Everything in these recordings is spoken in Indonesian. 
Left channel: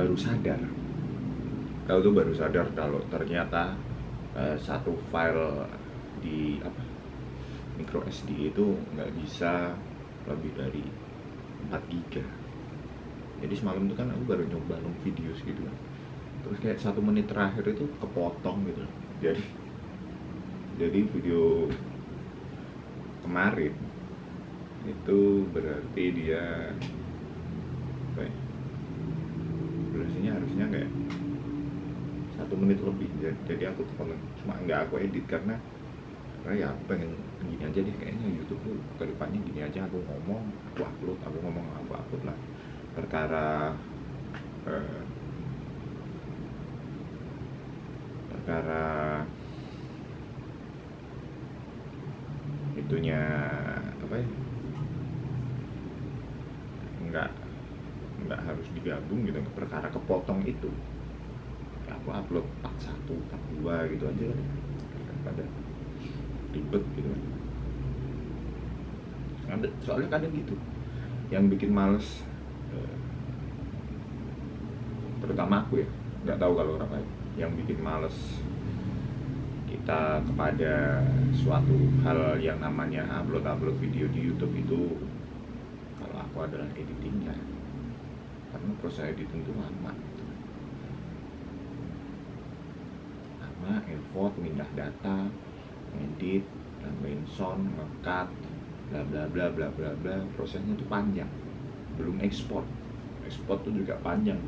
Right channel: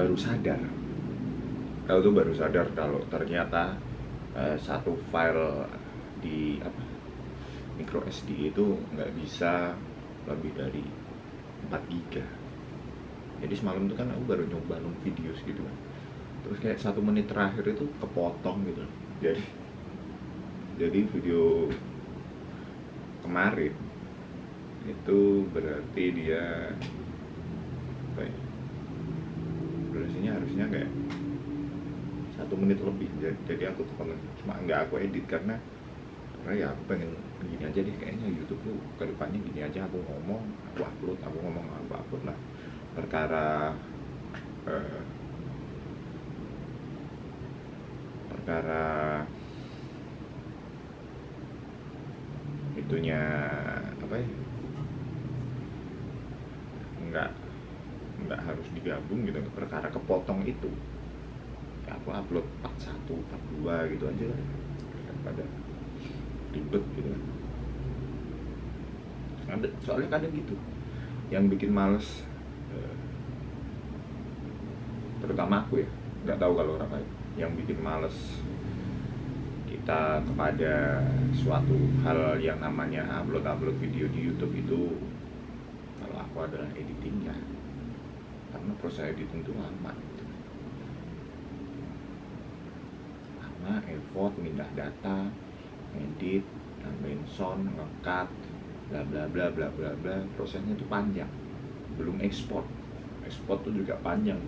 baru sadar. Aku tuh baru sadar kalau ternyata satu file di micro SD itu nggak bisa lebih dari 4 giga. Jadi semalam tuh kan aku baru nyoba video gitu kan, terus kayak 1 menit terakhir itu kepotong gitu loh. Jadi video kemarin itu berarti dia apa ya, durasinya harusnya kayak 1 menit lebih. Jadi aku kepotong, cuma nggak aku edit karena ya aku pengen gini aja deh, kayaknya YouTube tuh kedepannya gini aja, aku ngomong aku upload, aku ngomong aku upload lah. Perkara itunya apa ya, nggak harus digabung gitu. Perkara kepotong itu ya aku upload part 1, part 2 gitu aja kan, daripada ribet gitu kan. Soalnya kadang gitu yang bikin males, terutama aku ya, nggak tahu kalau orang lain, yang bikin males kita kepada suatu hal yang namanya upload video di YouTube itu, kalau aku adalah editingnya. Karena proses editing itu lama gitu. Lama, effort, pindah data, edit, nambahin sound, ngekat, bla bla bla bla bla bla, prosesnya itu panjang. Belum ekspor tuh juga panjang,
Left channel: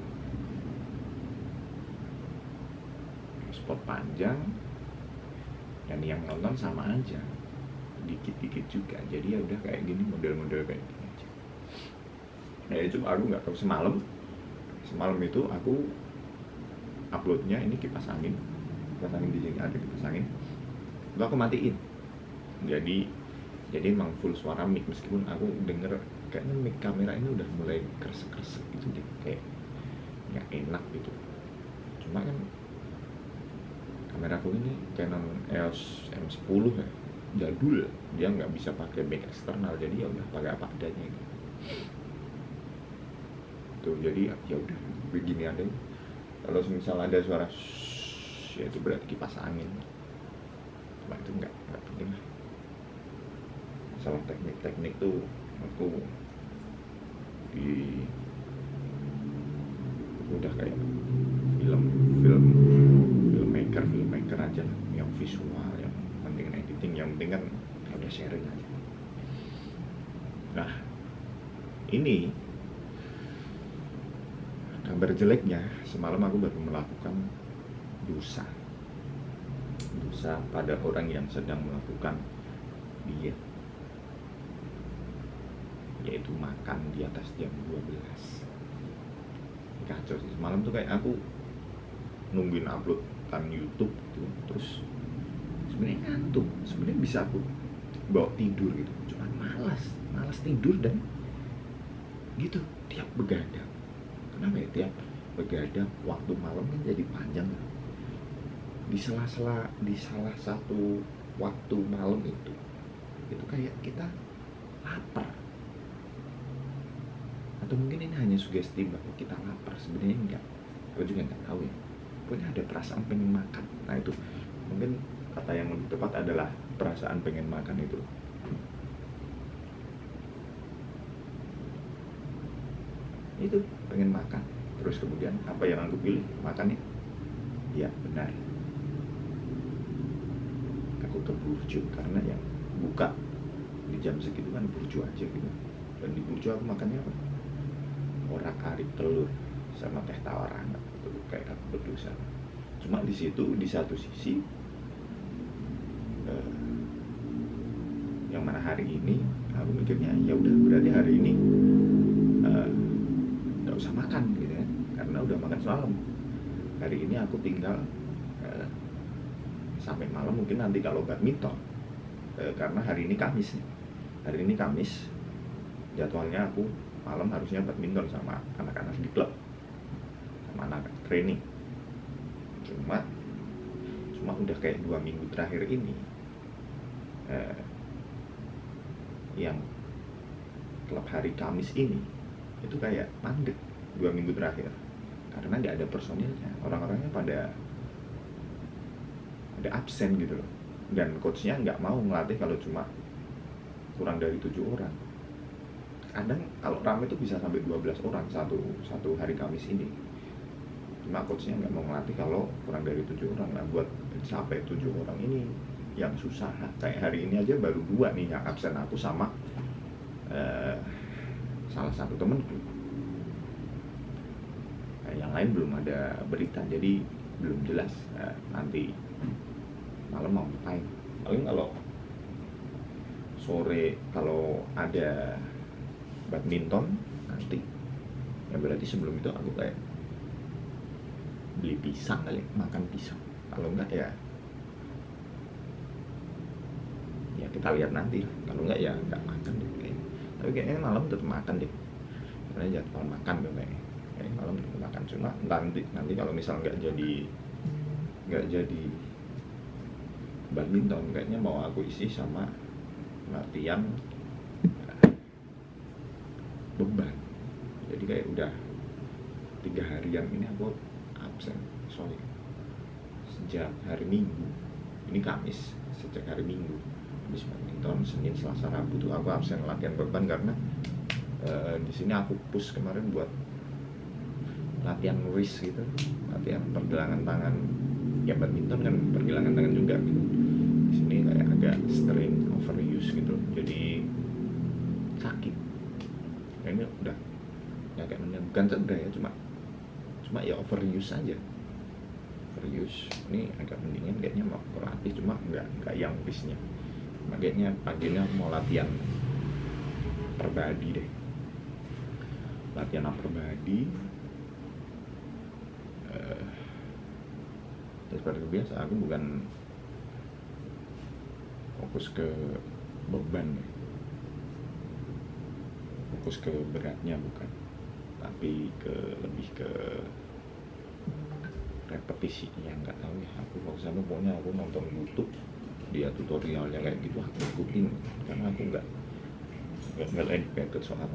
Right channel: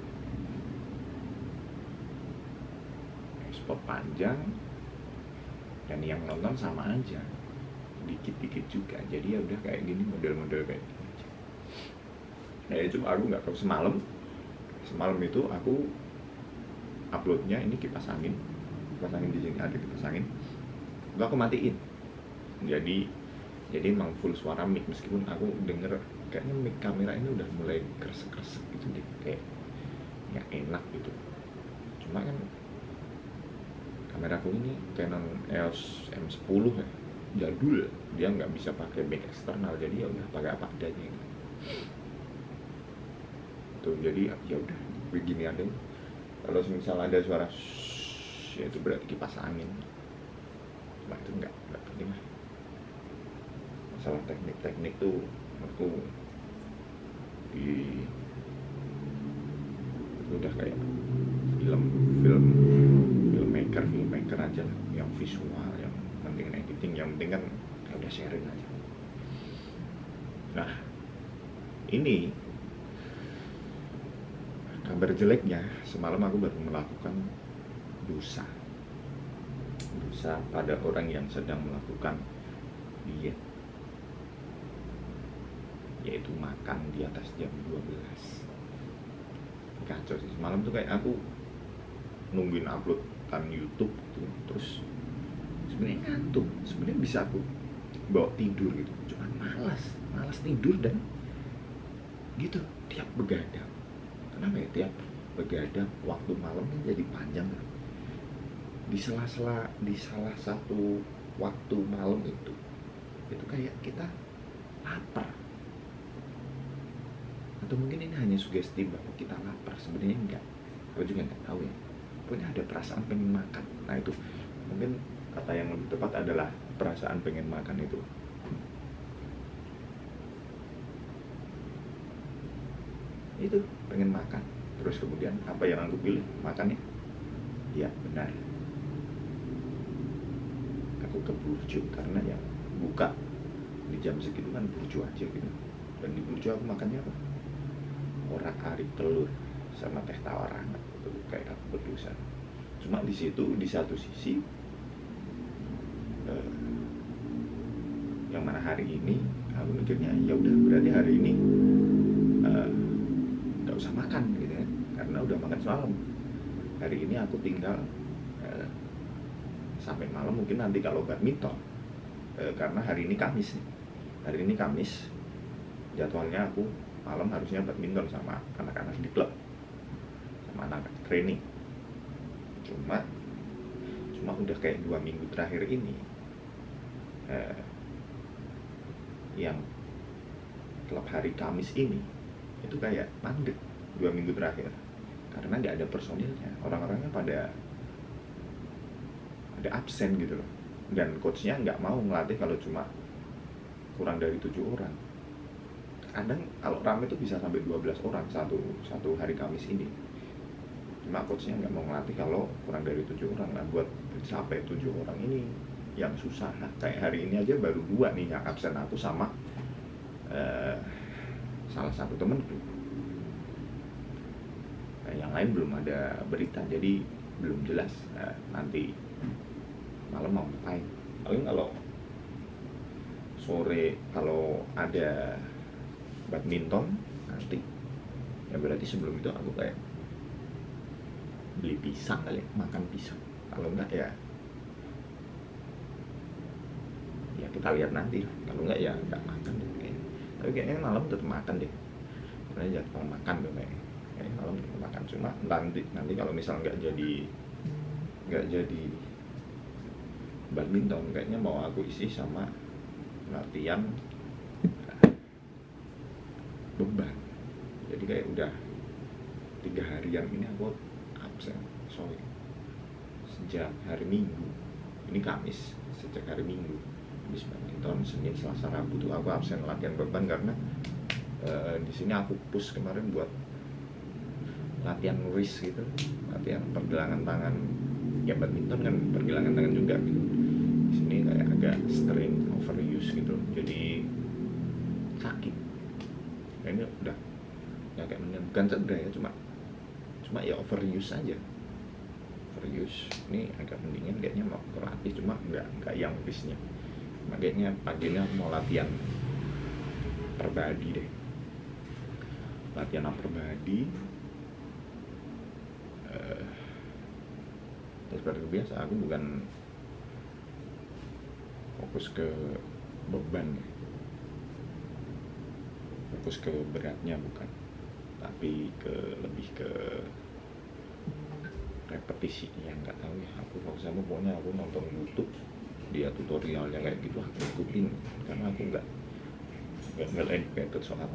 ekspor panjang, dan yang nonton sama aja dikit-dikit juga. Jadi ya udah kayak gini, model-model kayak gini aja. Nah itu aku nggak tahu, semalam itu aku uploadnya ini kipas angin di sini ada kipas angin, itu aku matiin. Jadi emang full suara mic, meskipun aku denger kayaknya mic kamera ini udah mulai kresek-kresek gitu deh, kayak nggak enak gitu. Cuma kan kameraku ini Canon EOS M10 ya, jadul, dia nggak bisa pakai mic eksternal, jadi ya udah pakai apa adanya gitu. Tuh, jadi ya udah begini adanya. Kalau misal ada suara ya itu berarti kipas angin. Cuma itu nggak penting lah. Masalah teknik tuh aku udah kayak filmmaker aja lah, yang visual, yang penting editing, yang penting kan ya udah sharing aja. Nah ini kabar jeleknya, semalam aku baru melakukan dosa pada orang yang sedang melakukan diet, yaitu makan di atas jam 12. Kacau sih semalam tuh, kayak aku nungguin uploadan YouTube gitu, terus sebenarnya ngantuk, sebenarnya bisa aku bawa tidur gitu, cuman malas tidur. Dan gitu tiap begadang, kenapa ya tiap begadang waktu malamnya jadi panjang kan? Di salah satu waktu malam itu kayak kita lapar, atau mungkin ini hanya sugesti bahwa kita lapar, sebenarnya enggak, aku juga nggak tahu ya. Pokoknya ada perasaan pengen makan. Nah itu mungkin kata yang lebih tepat adalah perasaan pengen makan itu. Itu pengen makan, terus kemudian apa yang aku pilih makannya? Ya benar, aku ke burjo, karena yang buka di jam segitu kan burjo aja gitu. Dan di burjo aku makannya apa? Orak-arik telur sama teh tawar hangat. Itu kayak aku berdosa. Cuma di situ, di satu sisi yang mana hari ini aku mikirnya ya udah, berarti hari ini nggak usah makan gitu ya, karena udah makan semalam. Hari ini aku tinggal sampai malam, mungkin nanti kalau badminton, karena hari ini Kamis nih. Hari ini Kamis, jadwalnya aku malam harusnya badminton sama anak-anak di klub, sama anak training. Cuma udah kayak 2 minggu terakhir ini yang klub hari Kamis ini itu kayak mandek 2 minggu terakhir. karena nggak ada personilnya, orang-orangnya pada absen gitu loh, dan coachnya nggak mau ngelatih kalau cuma kurang dari 7 orang. Kadang kalau rame itu bisa sampai 12 orang satu hari Kamis ini, cuma coachnya nggak mau ngelatih kalau kurang dari 7 orang. Nah, buat sampai 7 orang ini yang susah. Nah, kayak hari ini aja baru 2 nih yang absen, aku sama salah satu temenku. Nah, yang lain belum ada berita, jadi belum jelas nanti malam mau ngapain. Paling kalau sore kalau ada badminton nanti, ya berarti sebelum itu aku kayak beli pisang kali, makan pisang. Kalau enggak ya kita lihat nanti. Kalau enggak ya enggak makan deh kayaknya. Tapi kayaknya malam tetap makan deh, karena jadwal makan kayaknya malam tetap makan. Cuma nanti kalau misal nggak jadi badminton, kayaknya mau aku isi sama latihan beban. Jadi kayak udah 3 harian ini aku absen, sejak hari Minggu. Ini Kamis, sejak hari Minggu habis badminton, Senin, Selasa, Rabu tuh aku absen latihan beban karena di sini aku push kemarin buat latihan wrist gitu, latihan pergelangan tangan. Ya badminton kan pergelangan tangan juga gitu. Di sini kayak agak strain, overuse gitu, jadi sakit. Ini udah ya kayak bukan cedera ya, cuma ya overuse aja. Overuse ini agak mendingan kayaknya, mau berlatih cuma nggak yang wristnya. Makanya paginya aku mau latihan upper body deh, latihan upper body. Seperti biasa aku bukan fokus ke beban ya, fokus ke beratnya bukan, tapi lebih ke repetisi. Yang nggak tahu ya, aku fokus sama pokoknya aku nonton YouTube dia tutorialnya kayak gitu, aku ikutin karena aku nggak educated soal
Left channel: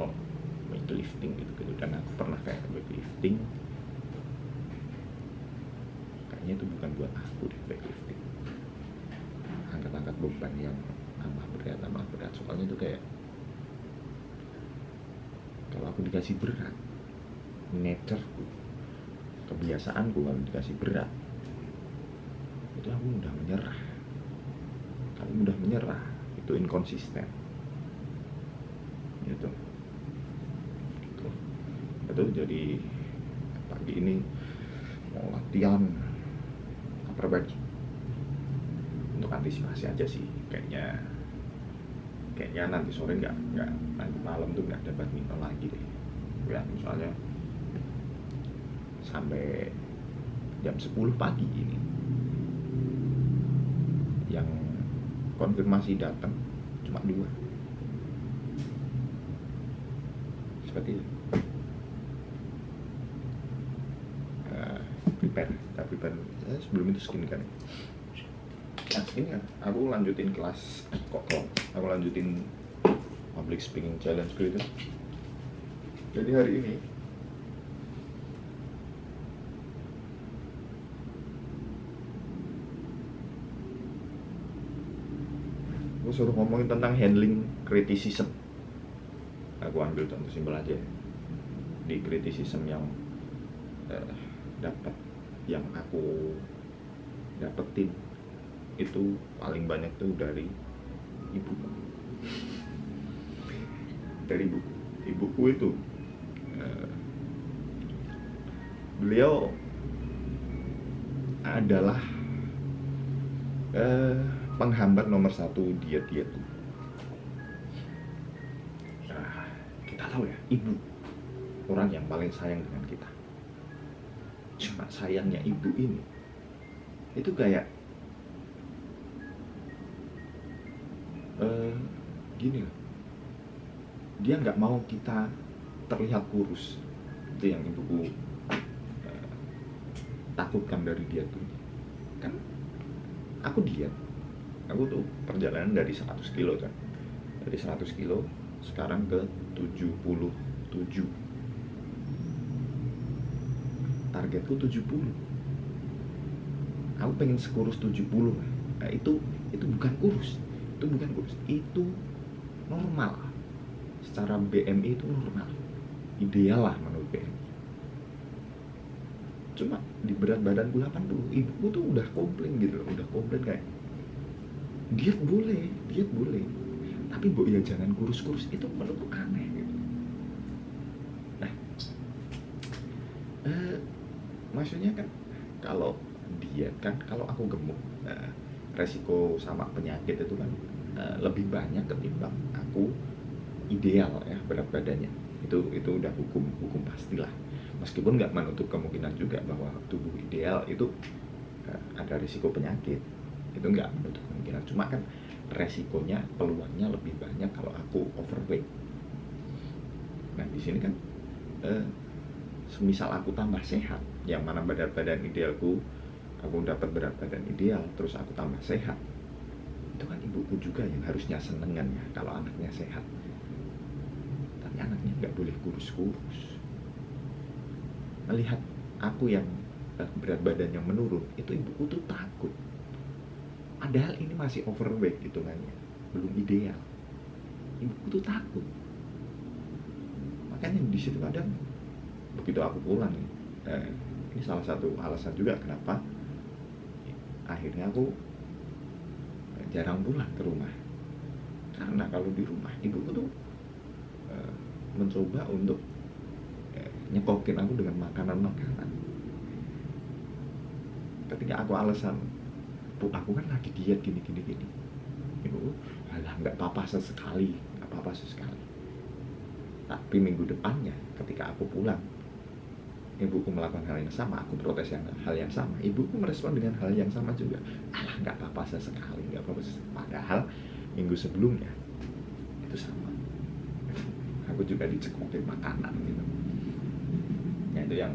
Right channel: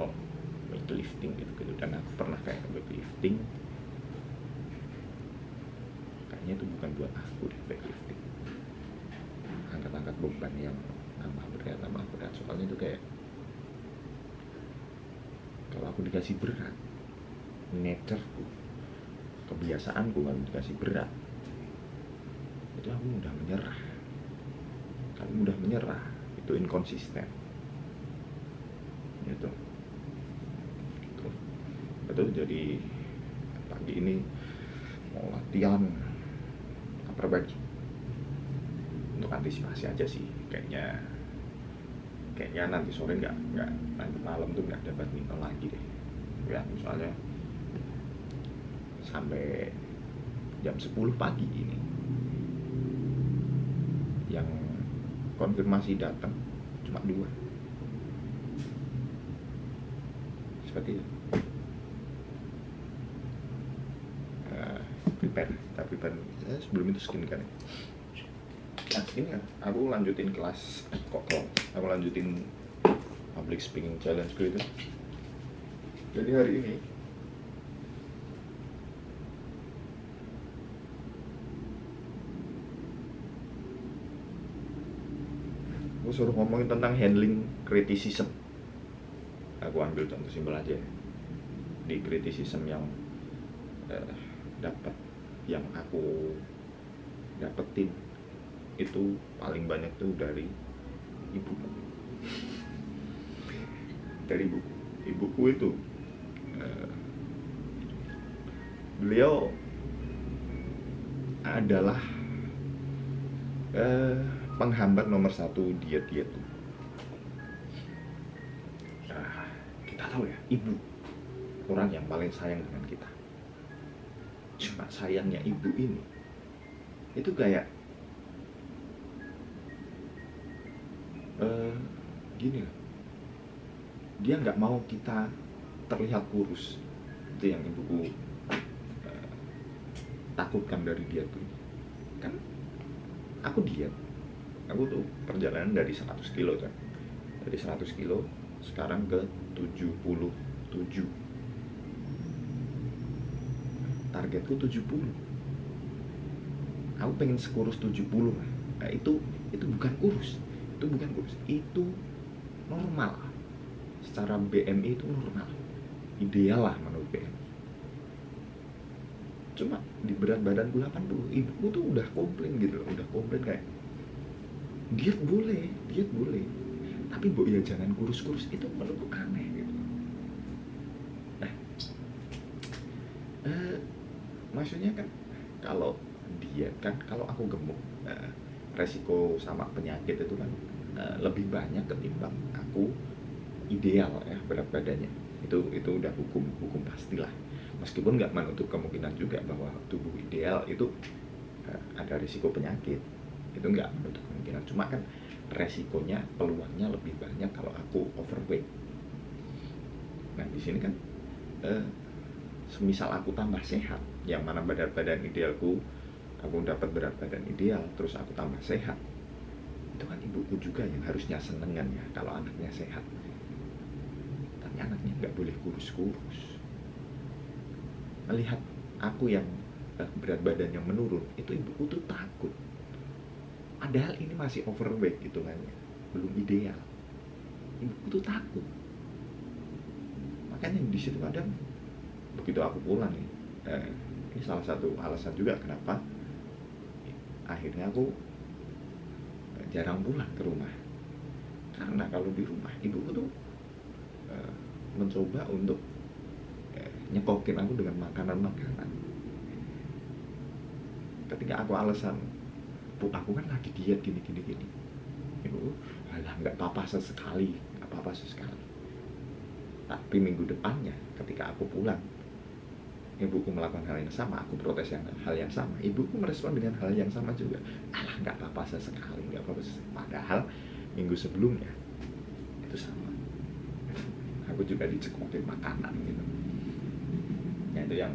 weightlifting gitu. Dan aku pernah kayak weightlifting, kayaknya itu bukan buat aku deh weightlifting, angkat-angkat beban yang tambah berat. Soalnya itu kayak kalau aku dikasih berat, natureku, kebiasaanku kalau dikasih berat itu aku mudah menyerah. Kalau mudah menyerah itu inkonsisten gitu. Betul. Jadi pagi ini mau latihan upper body untuk antisipasi aja sih. Kayaknya nanti sore nanti malam tuh nggak ada badminton lagi deh ya, soalnya sampai jam 10 pagi ini yang konfirmasi datang cuma 2 seperti itu. Prepare sebelum itu skincare. Nah, ini aku lanjutin kelas aku lanjutin public speaking challenge gitu. Jadi hari ini aku suruh ngomongin tentang handling criticism. Aku ambil contoh simpel aja di criticism yang yang aku dapetin itu paling banyak tuh dari ibuku. Ibuku itu beliau adalah penghambat nomor 1 diet tuh. Kita tahu ya, ibu orang yang paling sayang dengan kita. Cuma sayangnya ibu ini itu kayak gini loh, dia nggak mau kita terlihat kurus. Itu yang ibuku takutkan dari dia tuh. Kan aku diet, aku tuh perjalanan dari 100 kilo kan, dari 100 kilo sekarang ke 77. targetku 70. Aku pengen sekurus 70 lah. Nah, itu bukan kurus. Itu normal. Secara BMI itu normal. Ideal lah menurut BMI. Cuma di berat badanku 80, ibuku tuh udah komplain gitu loh, kayak diet boleh, tapi ya jangan kurus-kurus. Itu menurutku aneh gitu. Nah, maksudnya kan kalau diet kan, kalau aku gemuk, resiko sama penyakit itu kan lebih banyak ketimbang aku ideal ya berat badannya. Itu udah hukum pastilah. Meskipun nggak menutup kemungkinan juga bahwa tubuh ideal itu ada risiko penyakit, itu nggak menutup kemungkinan. Cuma kan resikonya, peluangnya lebih banyak kalau aku overweight. Nah di sini kan semisal aku tambah sehat, yang mana berat badan idealku, aku dapat berat badan ideal, terus aku tambah sehat, itu kan ibuku juga yang harusnya seneng kan ya kalau anaknya sehat. Tapi anaknya nggak boleh kurus-kurus. Melihat aku yang berat badan yang menurun, itu ibuku tuh takut. Padahal ini masih overweight hitungannya, belum ideal. Ibuku tuh takut. Makanya di situ kadang begitu aku pulang nih, ini salah satu alasan juga kenapa akhirnya aku jarang pulang ke rumah. Karena kalau di rumah ibuku tuh mencoba untuk nyekokin aku dengan makanan-makanan. Ketika aku alasan, Bu, aku kan lagi diet gini. Ibu, alah nggak apa-apa sesekali. Tapi minggu depannya, ketika aku pulang, ibuku melakukan hal yang sama, aku protes hal yang sama. Ibuku merespon dengan hal yang sama juga. Alah nggak apa-apa sesekali. Padahal minggu sebelumnya itu sama. Aku juga dicekokin makanan gitu. Ya, itu yang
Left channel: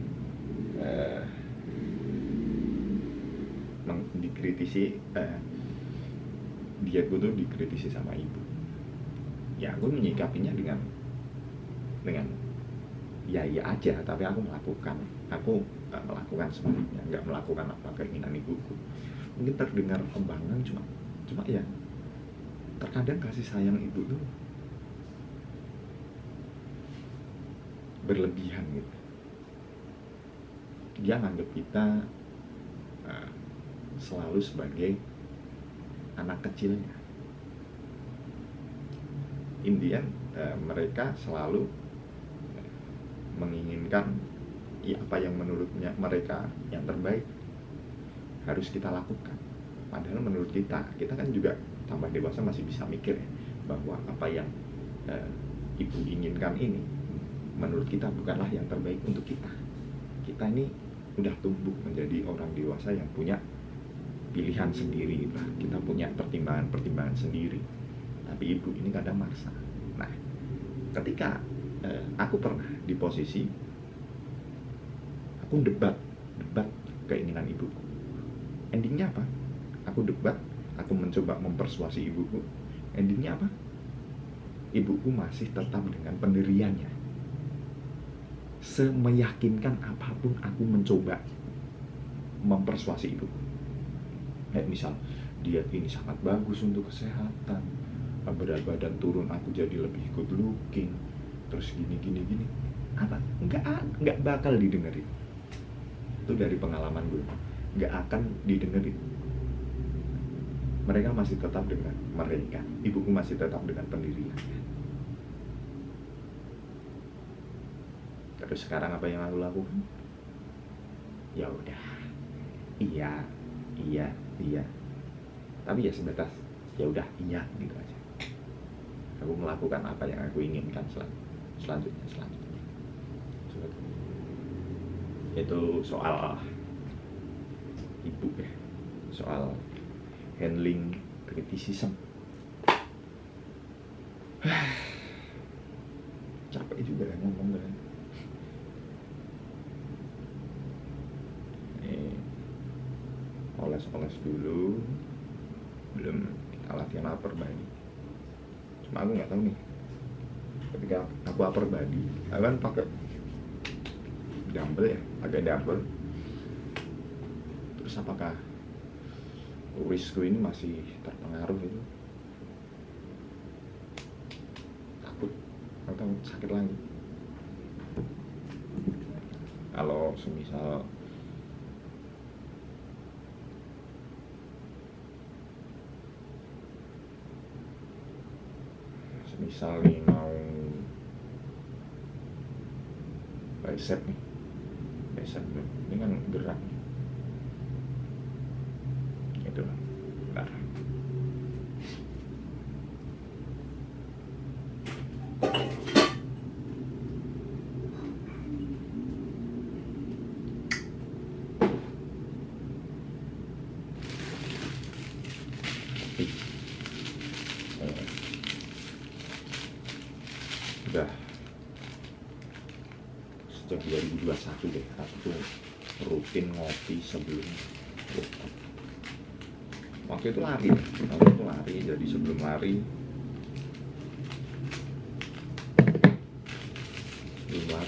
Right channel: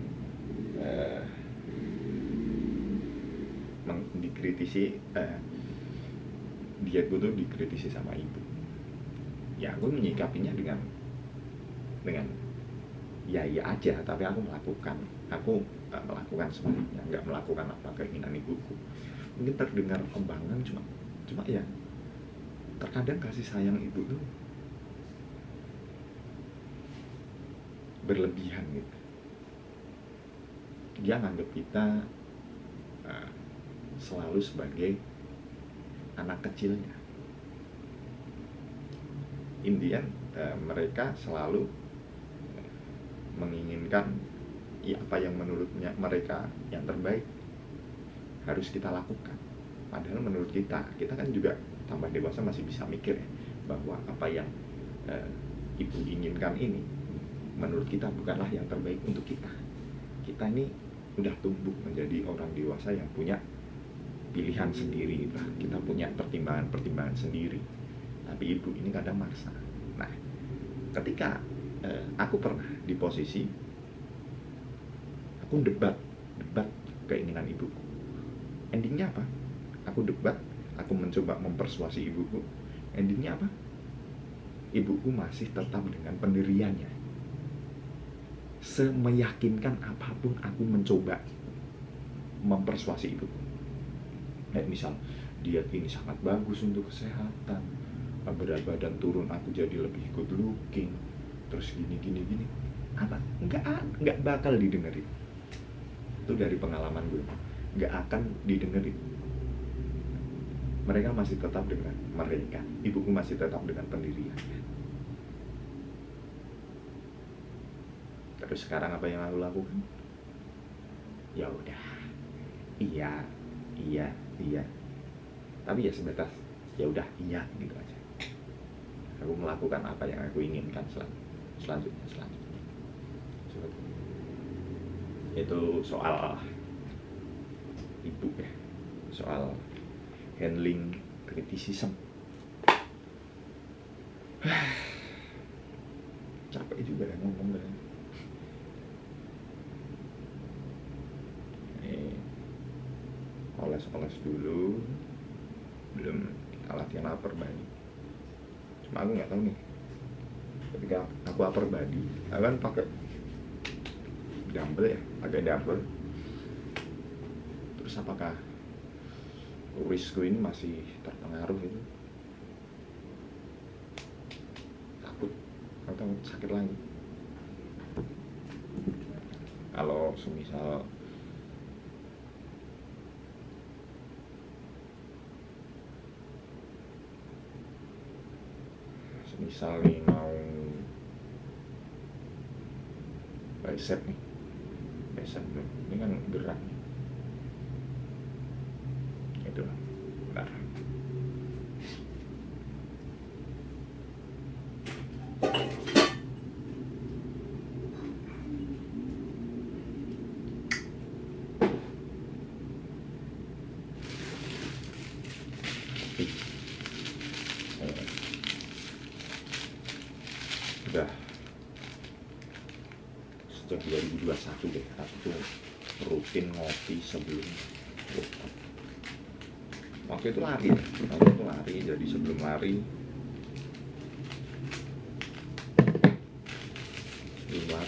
dikritisi, dietku tuh dikritisi sama ibu. Ya aku menyikapinya dengan ya aja, tapi aku melakukan sebaliknya, nggak melakukan apa keinginan ibuku. Mungkin terdengar kembangan, cuma ya terkadang kasih sayang ibu tuh berlebihan gitu. Dia nganggap kita selalu sebagai anak kecilnya. Intinya mereka selalu menginginkan ya apa yang menurutnya mereka yang terbaik harus kita lakukan. Padahal menurut kita kan juga tambah dewasa masih bisa mikir ya, bahwa apa yang ibu inginkan ini menurut kita bukanlah yang terbaik untuk kita. Kita ini udah tumbuh menjadi orang dewasa yang punya pilihan sendiri lah. Kita punya pertimbangan sendiri. Tapi ibu ini kadang maksa. Nah, ketika aku pernah di posisi aku debat keinginan ibuku. Endingnya apa? Aku debat, aku mencoba mempersuasi ibuku. Endingnya apa? Ibuku masih tetap dengan pendiriannya. Semeyakinkan apapun aku mencoba mempersuasi ibuku. Misal diet ini sangat bagus untuk kesehatan, berat badan turun, aku jadi lebih good looking, terus gini. Apa? Enggak bakal didengerin. Itu dari pengalaman gue, enggak akan didengerin. Mereka masih tetap dengan mereka. Ibuku masih tetap dengan pendiriannya. Terus sekarang apa yang aku lakukan? Ya udah, iya. Tapi ya sebatas ya udah iya gitu aja. Aku melakukan apa yang aku inginkan selanjutnya. Itu soal ibu ya, soal handling criticism. Capek juga ya ngomong kan. Oles dulu, belum kita latihan upper body. Cuma aku nggak tahu nih, ketika aku upper body, aku kan pakai dumbbell ya, pakai dumbbell. Terus apakah urisku ini masih terpengaruh itu? Takut atau sakit lagi. Kalau semisal nih mau bicep nih, ini kan gerak nih, itu lah. Bentar. Udah sejak 2021 deh aku tuh rutin ngopi sebelum workout. Waktu itu lari, jadi sebelum lari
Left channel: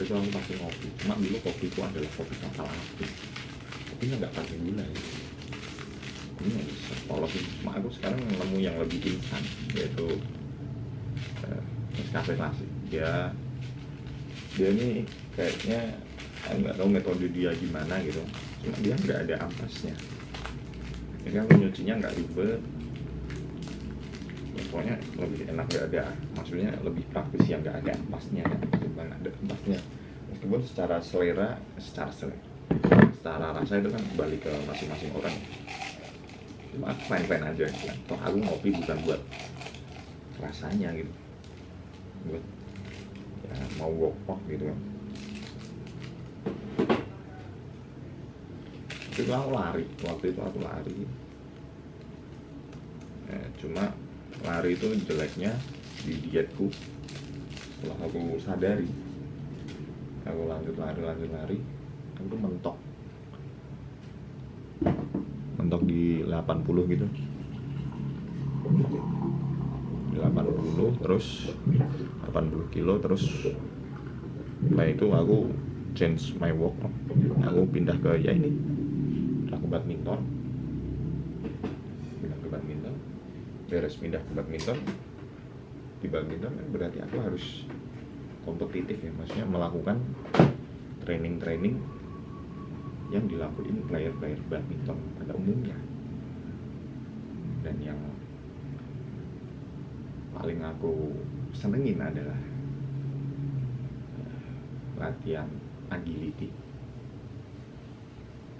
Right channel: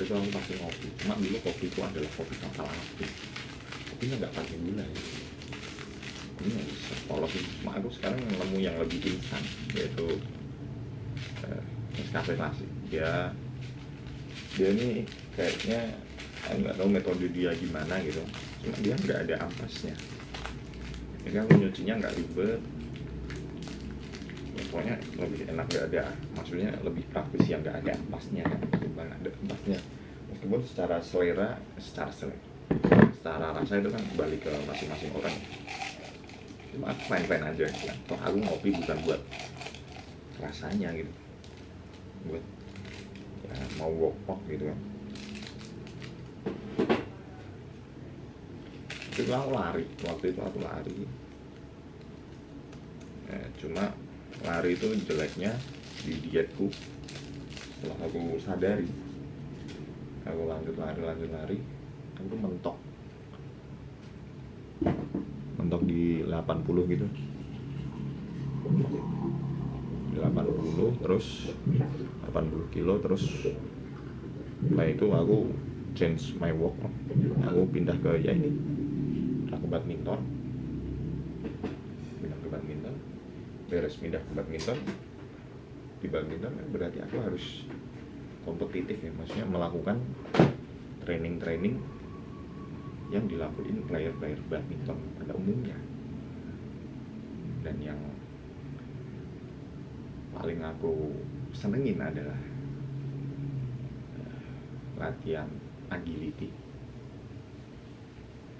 tuh aku pasti ngopi. Cuma dulu kopi itu adalah kopi kapal api, kopinya nggak pakai gula ya, kopinya bisa polos. Cuma aku sekarang nemu yang lebih instan, yaitu Nescafe klasik. Dia ini kayaknya aku nggak tahu metode dia gimana gitu, cuma dia nggak ada ampasnya. Jadi aku nyucinya nggak ribet, pokoknya lebih enak nggak ada, maksudnya lebih praktis yang nggak ada ampasnya ketimbang ada ampasnya. Meskipun secara rasa itu kan kembali ke masing-masing orang, cuma aku fine aja ya. Toh aku ngopi bukan buat rasanya gitu, buat ya mau workout gitu kan. Waktu itu aku lari. Cuma lari itu jeleknya di dietku. Setelah aku sadari, aku lanjut lari, aku tuh mentok di 80 gitu. Di 80 terus 80 kilo, terus setelah itu aku change my work. Aku pindah ke badminton. Beres pindah ke badminton, di badminton kan berarti aku harus kompetitif ya, maksudnya melakukan training yang dilakuin player badminton pada umumnya. Dan yang paling aku senengin adalah latihan agility,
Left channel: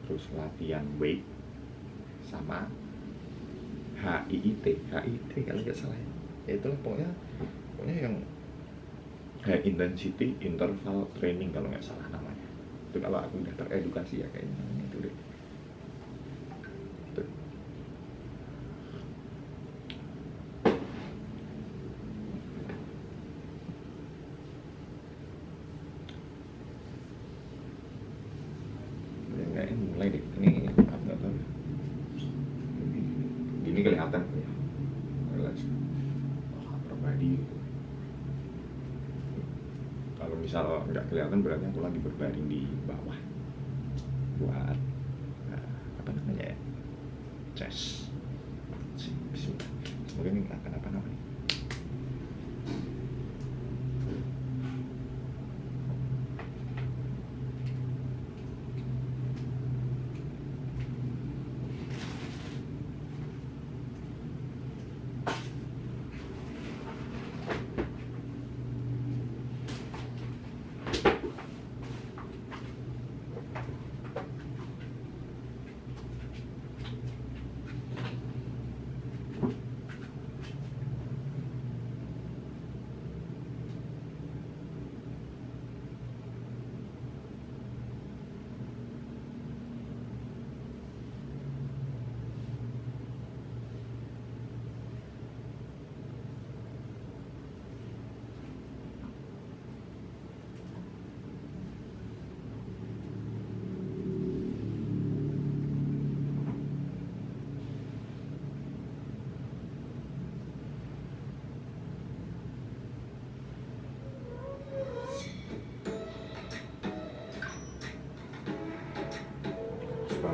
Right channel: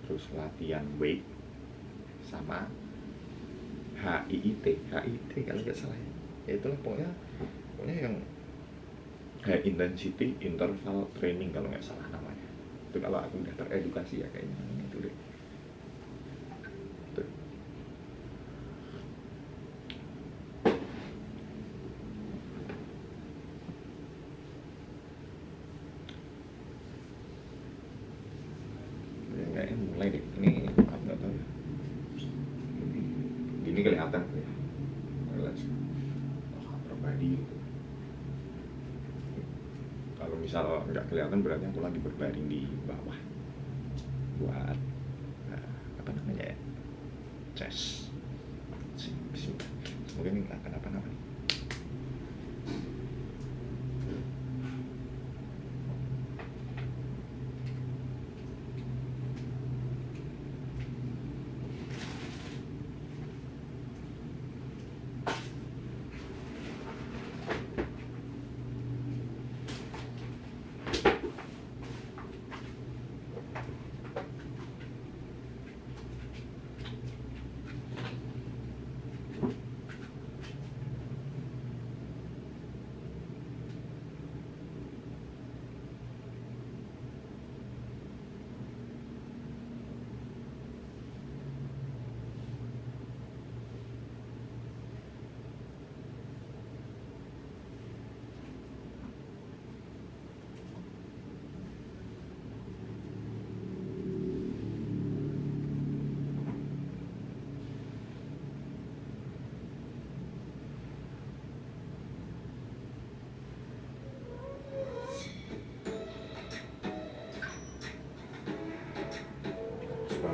terus latihan weight, sama HIIT kalau nggak salah ya, itulah pokoknya yang high intensity interval training kalau nggak salah namanya. Itu kalau aku udah teredukasi ya kayaknya itu deh. Tuh. Kayaknya mulai deh, ini aku nggak tahu ya. Ini kelihatan ya, pribadi gitu. Kalau misal nggak kelihatan berarti aku lagi berbaring di bawah buat apa namanya ya, chest. Semoga ini nggak kenapa-napa nih.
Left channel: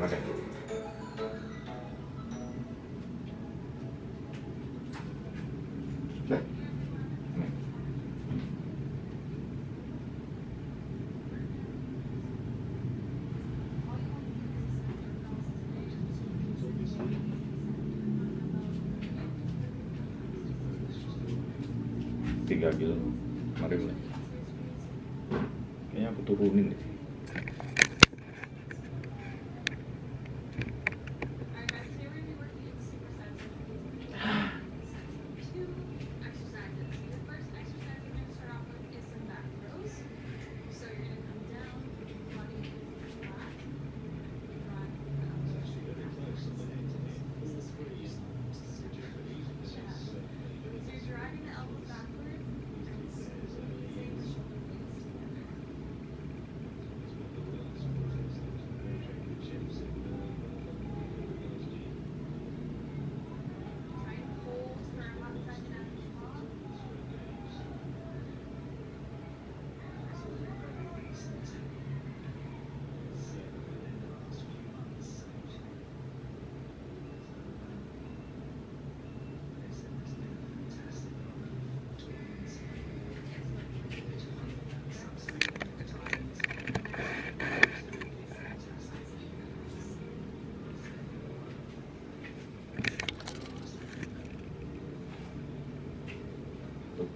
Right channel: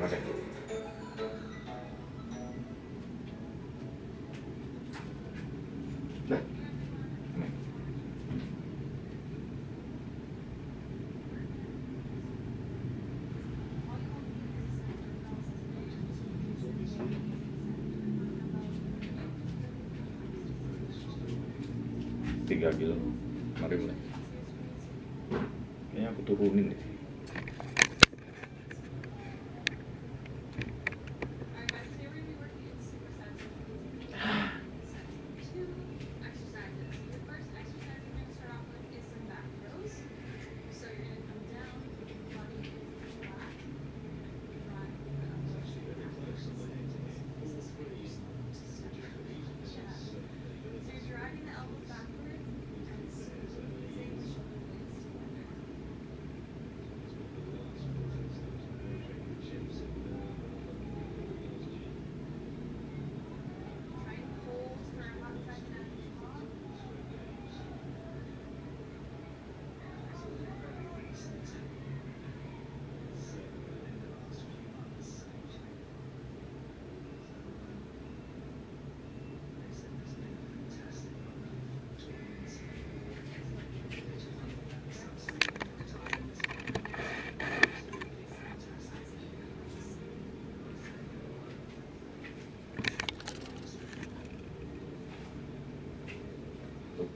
panas ya. Dah. Tiga kilo. Mari mulai. Kayaknya aku turunin deh.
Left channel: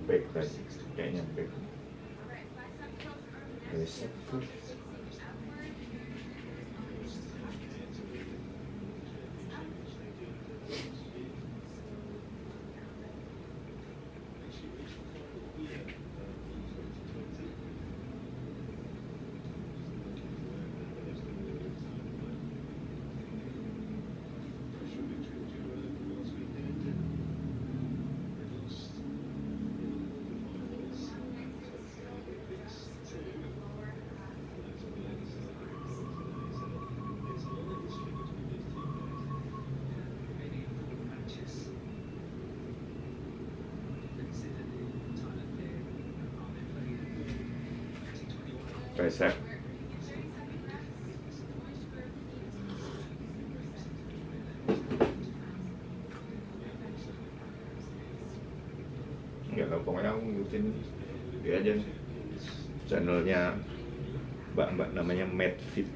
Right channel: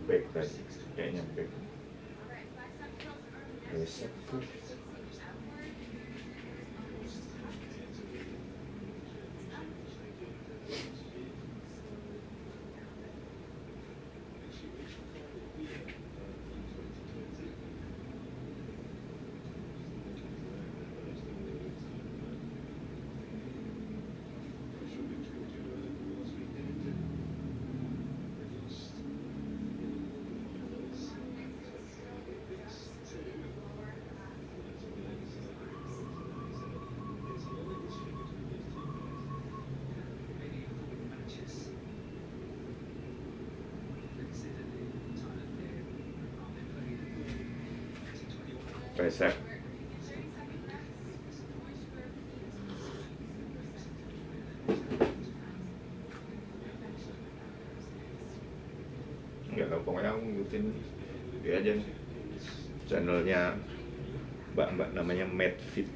Back tadi, kayaknya back. Besok tuh. Tricep. Enggak tahu, pokoknya aku ngikutin dia aja nih. Channelnya mbak namanya Medfit.